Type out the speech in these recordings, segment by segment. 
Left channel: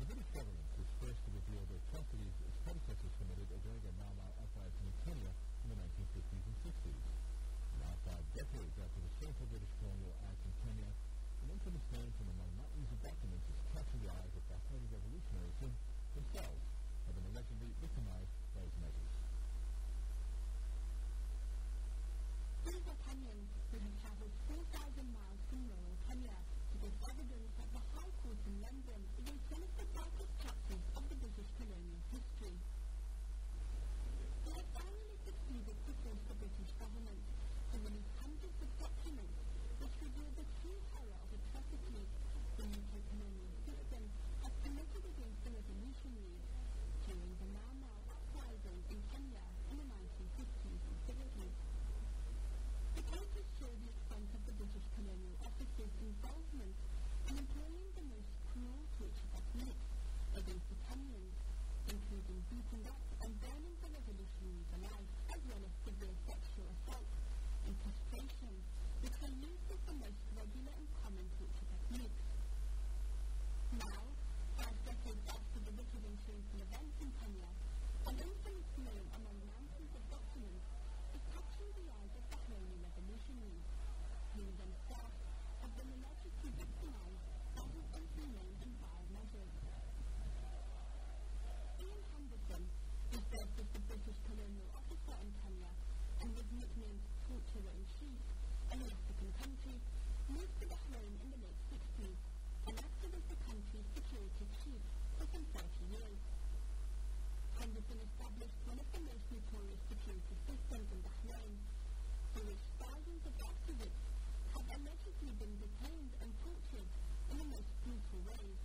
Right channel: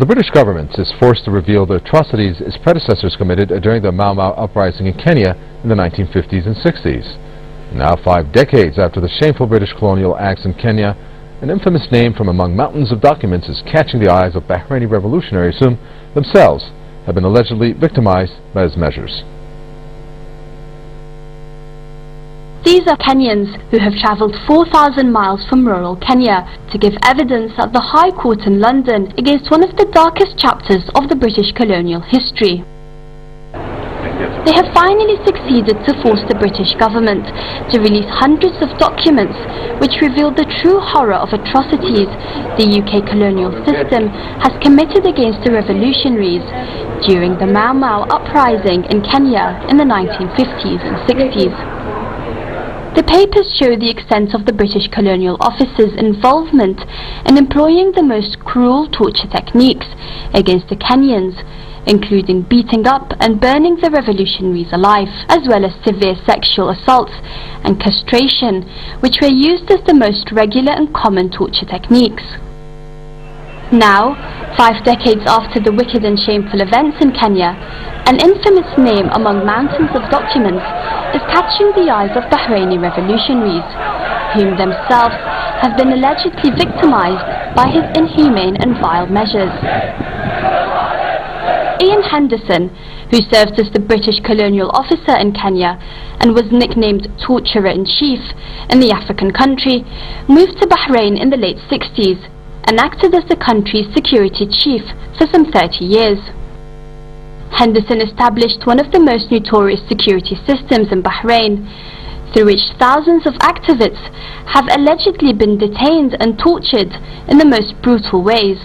Well, the British government is forced to reveal the atrocities its predecessors committed during the Mau Mau uprising in Kenya in the 1950s and 60s. Now, 5 decades after the shameful British colonial acts in Kenya, an infamous name from among mountains of documents is catching the eyes of Bahraini revolutionaries whom themselves have been allegedly victimized by his measures. These are Kenyans who have travelled 4,000 miles from rural Kenya to give evidence at the High Court in London against one of the darkest chapters of the British colonial history. They have finally succeeded to force the British government to release hundreds of documents which reveal the true horror of atrocities the UK colonial system has committed against the revolutionaries during the Mau Mau uprising in Kenya in the 1950s and 60s. The papers show the extent of the British Colonial Officer's involvement in employing the most cruel torture techniques against the Kenyans, including beating up and burning the revolutionaries alive, as well as severe sexual assaults and castration, which were used as the most regular and common torture techniques. Now, 5 decades after the wicked and shameful events in Kenya, an infamous name among mountains of documents is catching the eyes of Bahraini revolutionaries, whom themselves have been allegedly victimized by his inhumane and vile measures. Henderson, who served as the British Colonial Officer in Kenya and was nicknamed Torturer-in-Chief in the African country, moved to Bahrain in the late 60s and acted as the country's security chief for some 30 years. Henderson established one of the most notorious security systems in Bahrain, through which thousands of activists have allegedly been detained and tortured in the most brutal ways.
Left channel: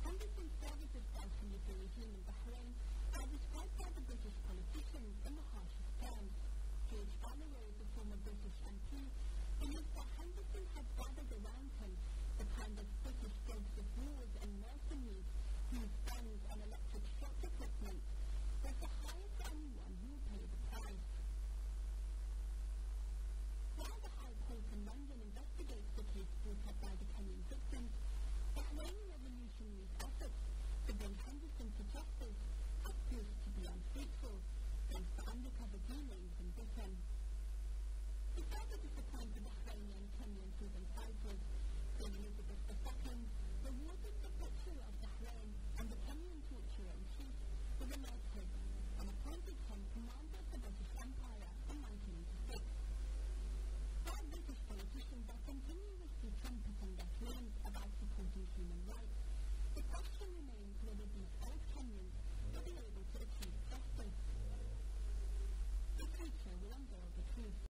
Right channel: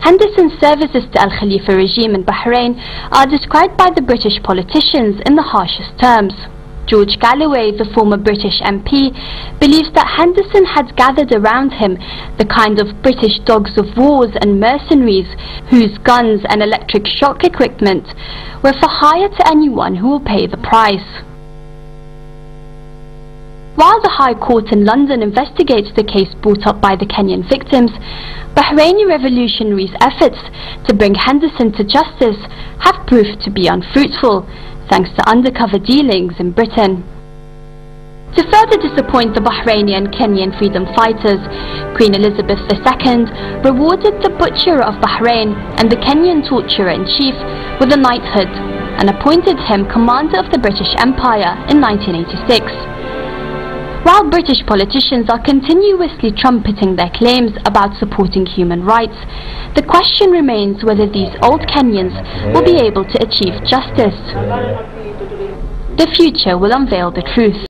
Henderson's services to al-Khalifa regime in Bahrain are described by the British politicians in the harshest terms. George Galloway, the former British MP, believes that Henderson had gathered around him the kind of British dogs of wars and mercenaries whose guns and electric shock equipment were for hire to anyone who will pay the price. While the High Court in London investigates the case brought up by the Kenyan victims, Bahraini revolutionaries' efforts to bring Henderson to justice have proved to be unfruitful, thanks to undercover dealings in Britain. To further disappoint the Bahraini and Kenyan freedom fighters, Queen Elizabeth II rewarded the butcher of Bahrain and the Kenyan torturer-in-chief with a knighthood and appointed him commander of the British Empire in 1986. While British politicians are continuously trumpeting their claims about supporting human rights, the question remains whether these old Kenyans will be able to achieve justice. The future will unveil the truth.